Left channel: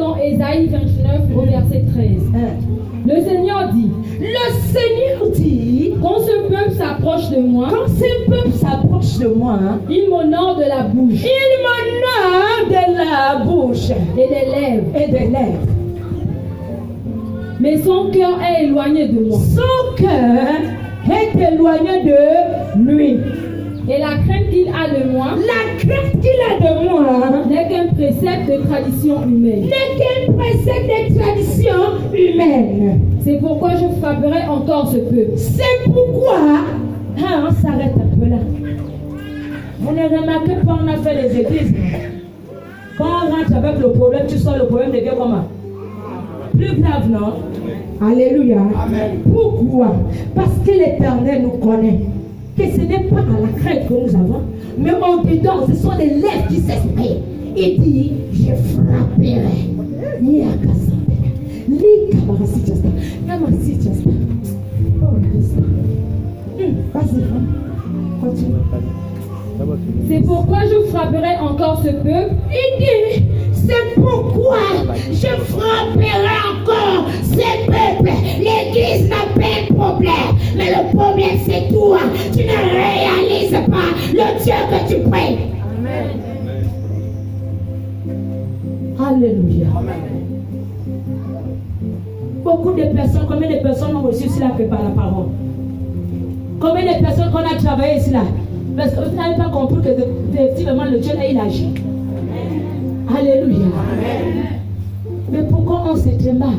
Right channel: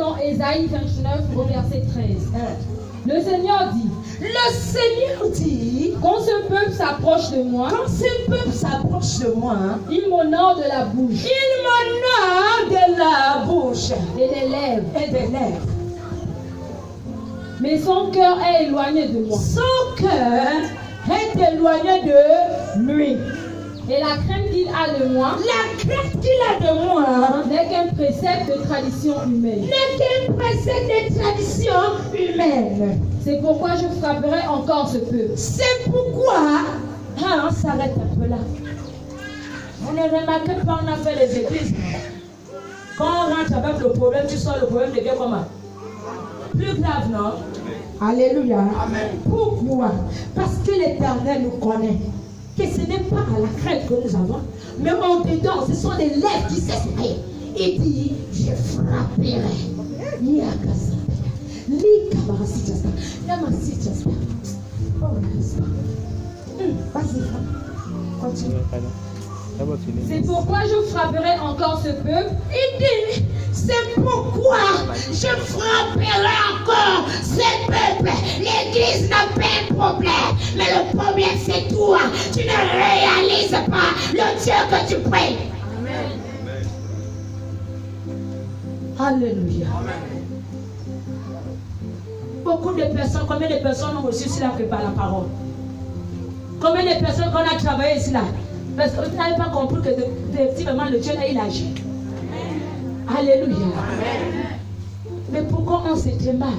dans Ésaïe 29 au verset 13. Le Seigneur dit, quand ce peuple s'approche de moi, il m'honore de la bouche et des lèvres. Mais son cœur est éloigné de moi. Et la crainte qu'il a de moi n'est qu'un précepte de tradition humaine. C'est pourquoi je frapperai encore ce peuple. On s'arrête un peu là. Vous ne remarquez pas, on a fait les églises. Quand on rentre avec le problème, tu sors, le problème devient comment? Plus grave, non? Alléluia. Amen. Pourquoi? Parce que l'Éternel nous connaît. Que ce n'est pas à la crainte que nous avons, mais au-dedans, ce sont les lèvres qui s'expriment. Il dit, je frapperai. C'est pourquoi je frapperai encore ce peuple. Il dit, c'est pourquoi je frapperai encore ce peuple. L'église n'a pas de problème, mais le problème c'est toi. Tu ne réalises pas le Dieu que tu pries. Amen. Alléluia. Amen. Beaucoup de personnes, combien de personnes ont reçu cela que par la parole? Combien de personnes qu'on a travaillé cela? Parce que vous n'avez pas compris que effectivement le Dieu là il agit. Amen. Alléluia. Amen. Mais pourquoi on se mal?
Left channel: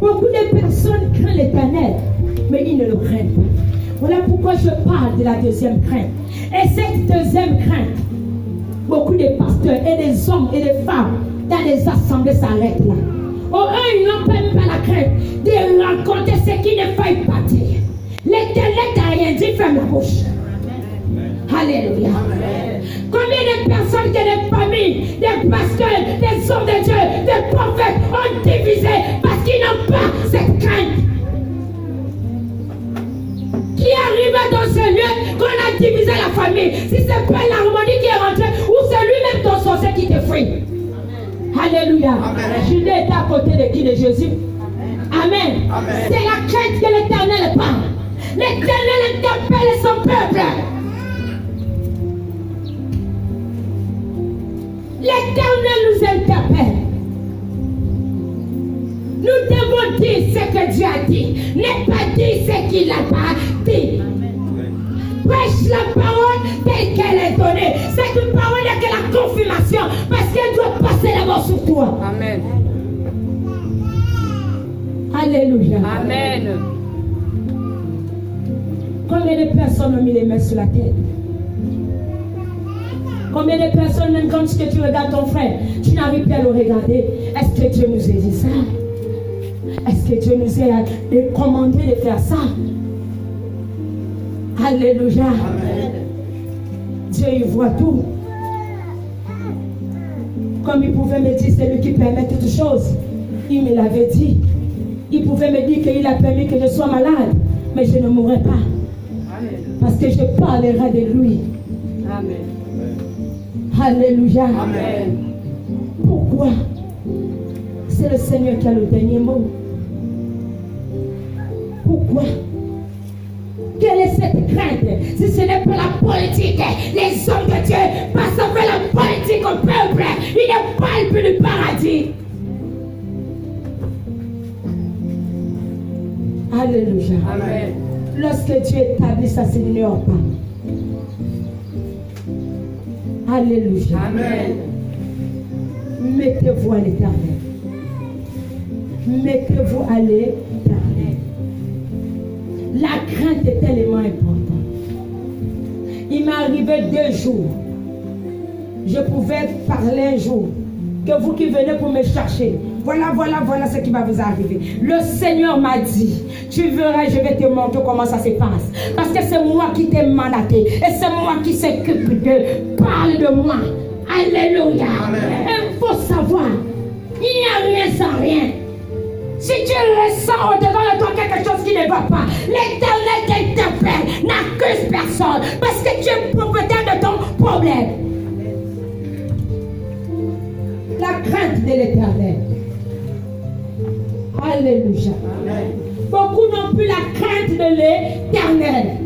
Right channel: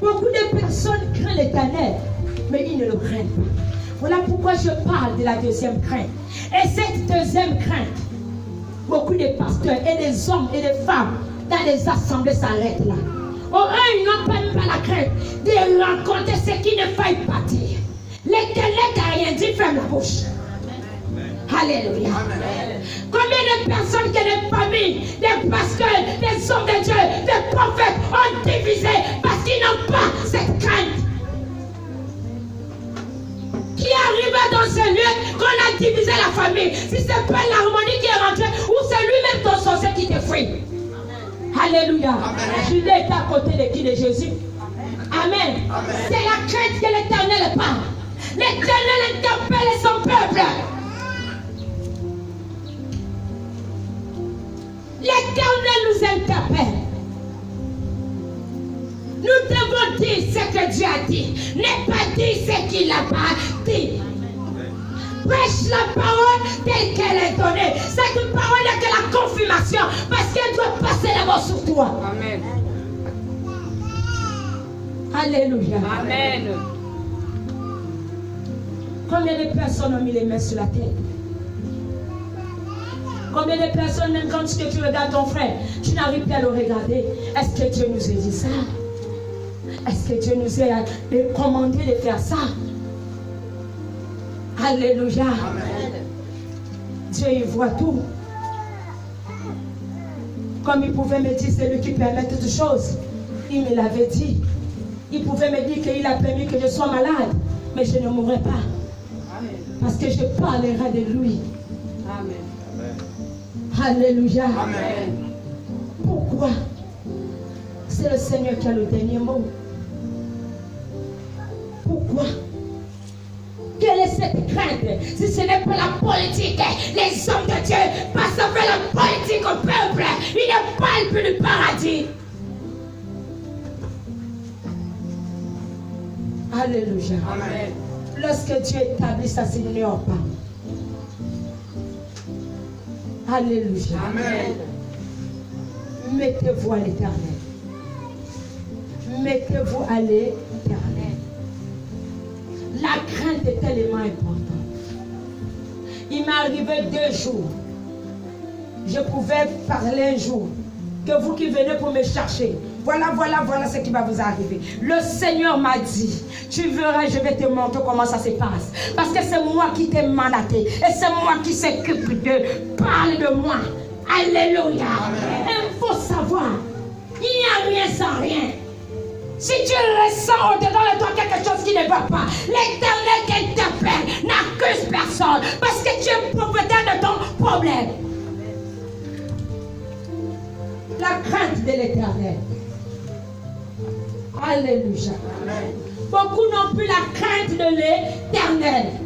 Beaucoup de personnes craignent l'Éternel, mais ils ne le craignent pas. Voilà pourquoi je parle de la deuxième crainte. Et cette deuxième crainte, beaucoup de pasteurs et des hommes et des femmes dans les assemblées s'arrêtent là. Oh, eux, ils n'ont même pas la crainte de rencontrer ce qui ne faille pas dire. L'Éternel n'a rien dit, ferme la bouche. Amen. Alléluia. Amen. Combien de personnes que des familles, des pasteurs, des hommes de Dieu, des prophètes ont divisé parce qu'ils n'ont pas cette crainte. Qui arriva dans ce lieu qu'on a divisé la famille? Si ce n'est pas l'harmonie qui est rentrée, ou c'est lui-même ton sorcier qui te fuit. Alléluia. Judas est à côté de qui? De Jésus. Amen. Amen. C'est la crainte que l'Éternel parle. L'Éternel interpelle son peuple. L'Éternel nous interpelle. Nous devons dire ce que Dieu a dit. Ne pas dire ce qu'il n'a pas dit. Prêche la parole telle qu'elle est donnée. Cette parole n'est que la confirmation parce qu'elle doit passer d'abord sur toi. Amen. Alléluia. Amen. Combien de personnes ont mis les mains sur la tête? Combien de personnes, même quand tu regardes ton frère, tu n'arrives plus à le regarder? Est-ce que Dieu nous a dit ça? Est-ce que Dieu nous a commandé de faire ça? Alléluia. Amen. Dieu il voit tout. Comme il pouvait me dire, c'est lui qui permet toutes choses. Il me l'avait dit. Il pouvait me dire qu'il a permis que je sois malade, mais je ne mourrai pas. Amen. Parce que je parlerai de lui. Amen. Alléluia. Amen. Pourquoi? C'est le Seigneur qui a le dernier mot. Pourquoi? Quelle est cette crainte? Si ce n'est pas la politique, les hommes de Dieu passent avec la politique au peuple. Ils ne parlent plus du paradis. Alléluia. Amen. Lorsque Dieu établit ça, ça n'ignore pas. Alléluia. Amen. Mettez-vous à l'Éternel. Mettez-vous à l'Éternel. La crainte est tellement importante. Il m'est arrivé 2 jours. Je pouvais parler un jour. Que vous qui venez pour me chercher, voilà ce qui va vous arriver. Le Seigneur m'a dit, tu verras, je vais te montrer comment ça se passe. Parce que c'est moi qui t'ai mandaté. Et c'est moi qui s'occupe de. Parle de moi. Alléluia. Il faut savoir, il n'y a rien sans rien. Si tu ressens au-dedans de toi quelque chose qui ne va pas, l'Éternel qui t'appelle n'accuse personne. Parce que tu es propriétaire de ton problème. La crainte de l'Éternel. Alléluia. Beaucoup n'ont plus la crainte de l'Éternel.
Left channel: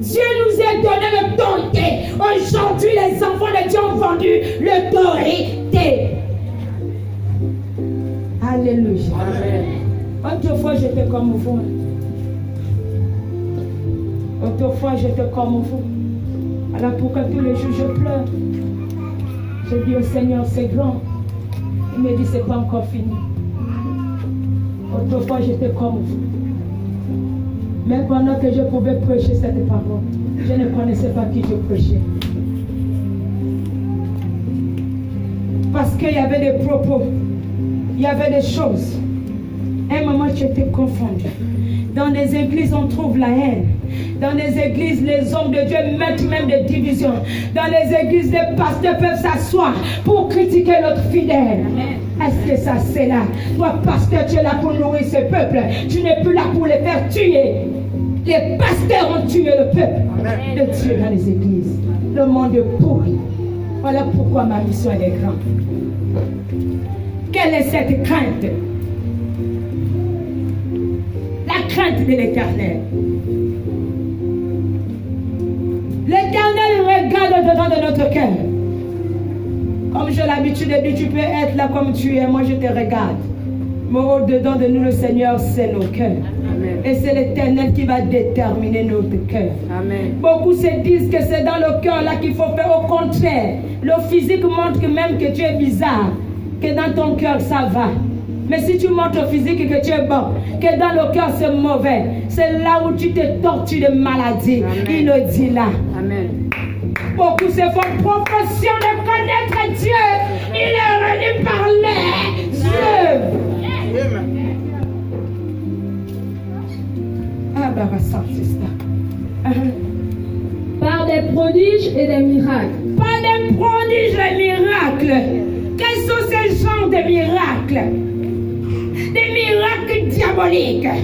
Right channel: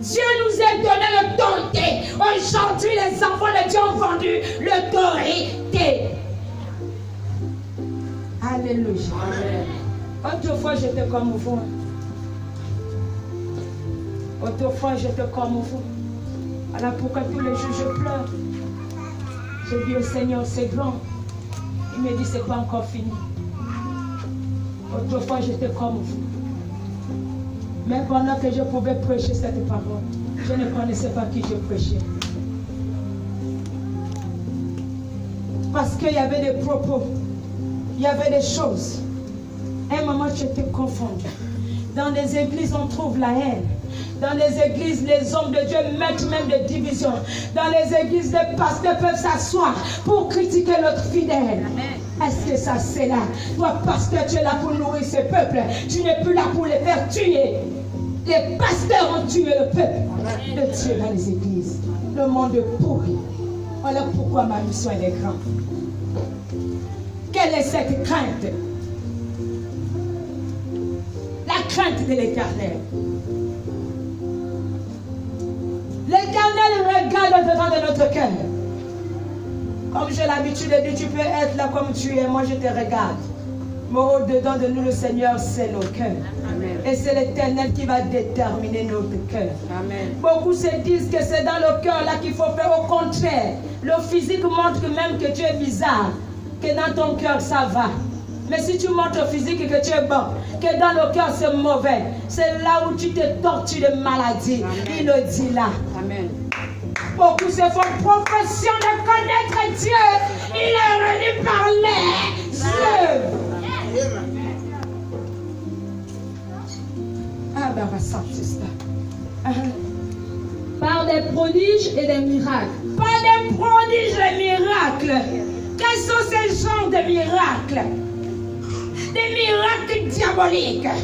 Dieu nous a donné l'autorité. Aujourd'hui, les enfants de Dieu ont vendu l'autorité. Alléluia. Autrefois, j'étais comme vous. Autrefois, j'étais comme vous. Alors pourquoi tous les jours je pleure? Je dis au Seigneur, c'est grand. Il me dit, c'est pas encore fini. Autrefois, j'étais comme vous. Mais pendant que je pouvais prêcher cette parole, je ne connaissais pas qui je prêchais. Parce qu'il y avait des propos, il y avait des choses. À un moment, j'étais confondue. Dans les églises, on trouve la haine. Dans les églises, les hommes de Dieu mettent même des divisions. Dans les églises, les pasteurs peuvent s'asseoir pour critiquer l'autre fidèle. Est-ce que ça, c'est là? Toi, pasteur, tu es là pour nourrir ce peuple. Tu n'es plus là pour les faire tuer. Les pasteurs ont tué le peuple de Dieu dans les églises. Le monde est pourri. Voilà pourquoi ma mission est grande. Quelle est cette crainte? La crainte de l'Éternel. L'Éternel regarde au-dedans de notre cœur. Comme j'ai l'habitude de dire, tu peux être là comme tu es, moi je te regarde. Mais au-dedans de nous, le Seigneur, c'est nos cœurs. Amen. Et c'est l'Éternel qui va déterminer notre cœur. Amen. Beaucoup se disent que c'est dans le cœur là qu'il faut faire. Au contraire, le physique montre que même que tu es bizarre, que dans ton cœur ça va. Mais si tu montres au physique que tu es bon, que dans le cœur c'est mauvais, c'est là où tu te tortures de maladie. Amen. Il nous dit là. Amen. Beaucoup se font profession de connaître Dieu. Il est venu parler Dieu. Par des prodiges et des miracles. Par des prodiges et des miracles. Quels sont ces genres de miracles? Des miracles diaboliques.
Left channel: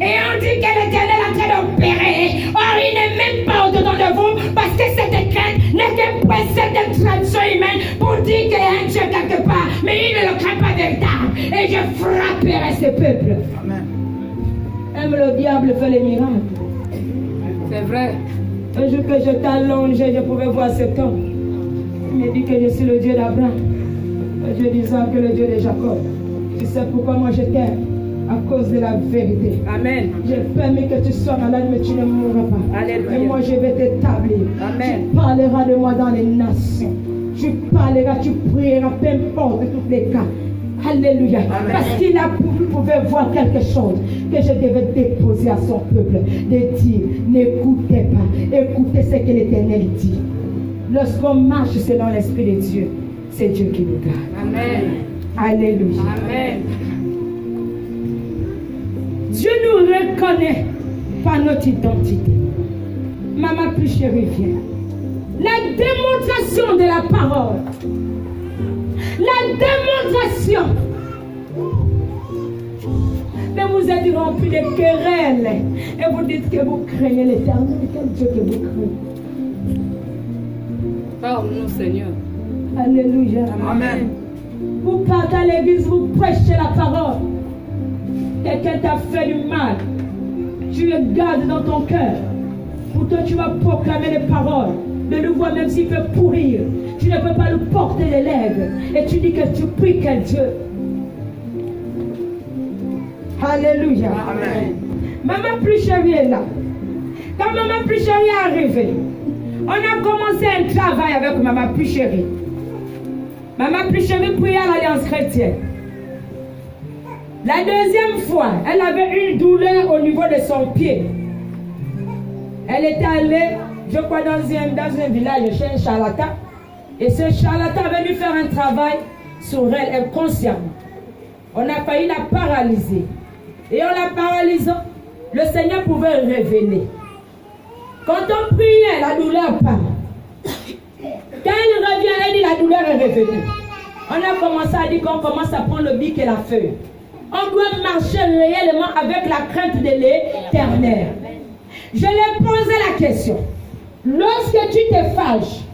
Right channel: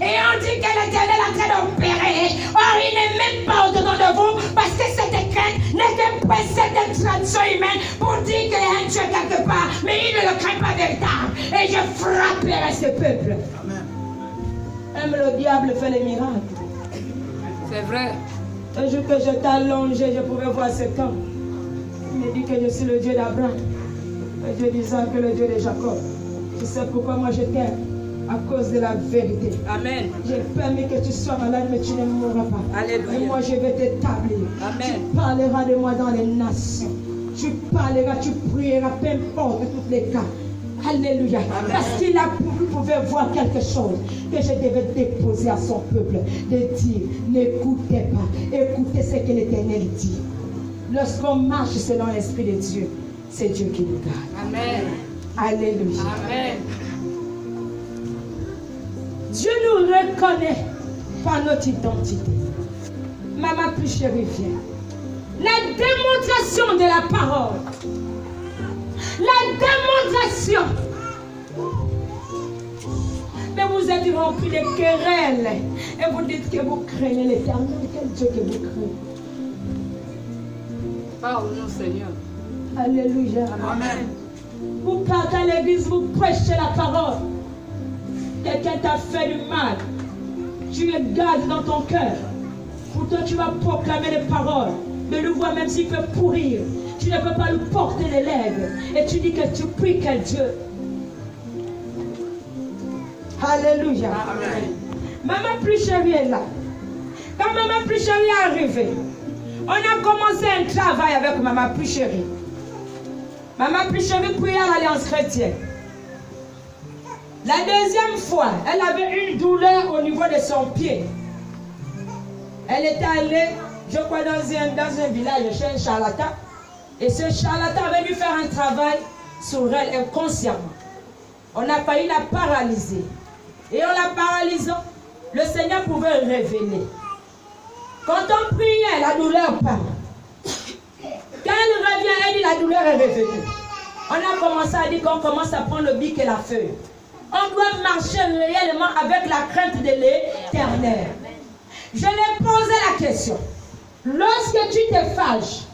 Et on dit que l'Éternel est en train d'opérer. Or, il n'est même pas au-dedans de vous parce que cette crainte n'est qu'un précepte de tradition humaine pour dire qu'il y a un Dieu quelque part. Mais il ne le craint pas véritable. Et je frapperai ce peuple. Même le diable fait les miracles. C'est vrai. Un jour que je t'allongeais, je pouvais voir cet homme. Il me dit que je suis le Dieu d'Abraham, le Dieu d'Isaac et le Dieu de Jacob. Tu sais pourquoi moi je t'aime? À cause de la vérité. Amen. J'ai permis que tu sois malade, mais tu ne mourras pas. Alléluia. Et moi je vais t'établir. Amen. Tu parleras de moi dans les nations. Tu parleras, tu prieras, peu importe tous les cas. Alléluia. Amen. Parce qu'il a pouvait voir quelque chose que je devais déposer à son peuple. De dire, n'écoutez pas. Écoutez ce que l'Éternel dit. Lorsqu'on marche selon l'Esprit de Dieu, c'est Dieu qui nous garde. Amen. Alléluia. Amen. Dieu nous reconnaît par notre identité. Maman plus chérie, viens. La démonstration de la parole. La démonstration. Mais vous êtes remplis de querelles. Et vous dites que vous craignez l'Éternel. Quel Dieu que vous craignez? Parle-nous, Seigneur. Alléluia. Amen. Vous partez à l'église, vous prêchez la parole. Quelqu'un t'a fait du mal. Tu le gardes dans ton cœur. Pourtant, tu vas proclamer les paroles. De le voir même s'il peut pourrir. Tu ne peux pas le porter les lèvres. Et tu dis que tu pries quel Dieu. Alléluia. Amen. Maman plus chérie est là. Quand maman plus chérie est arrivée, on a commencé un travail avec maman plus chérie. Maman plus chérie priait à l'Alliance chrétienne. La deuxième fois, elle avait une douleur au niveau de son pied. Elle était allée, je crois, dans un village chez un charlatan. Et ce charlatan avait dû faire un travail sur elle inconsciemment. On a failli la paralyser. Et en la paralysant, le Seigneur pouvait révéler. Quand on priait, la douleur part. Quand elle revient, elle dit la douleur est revenue. On a commencé à dire qu'on commence à prendre le bic et la feuille. On doit marcher réellement avec la crainte de l'Éternel. Je lui ai posé la question. Lorsque tu te fâches,